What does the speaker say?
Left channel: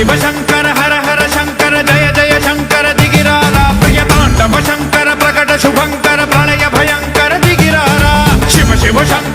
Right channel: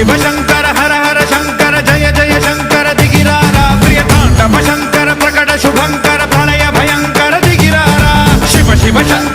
शिव शंकर हर हर शंकर जय जय शंकर दिगिरारा प्रिय तांडव शंकर प्रकट शुभंकर प्रणय भयंकर दिगिरारा शिव शिव शंकर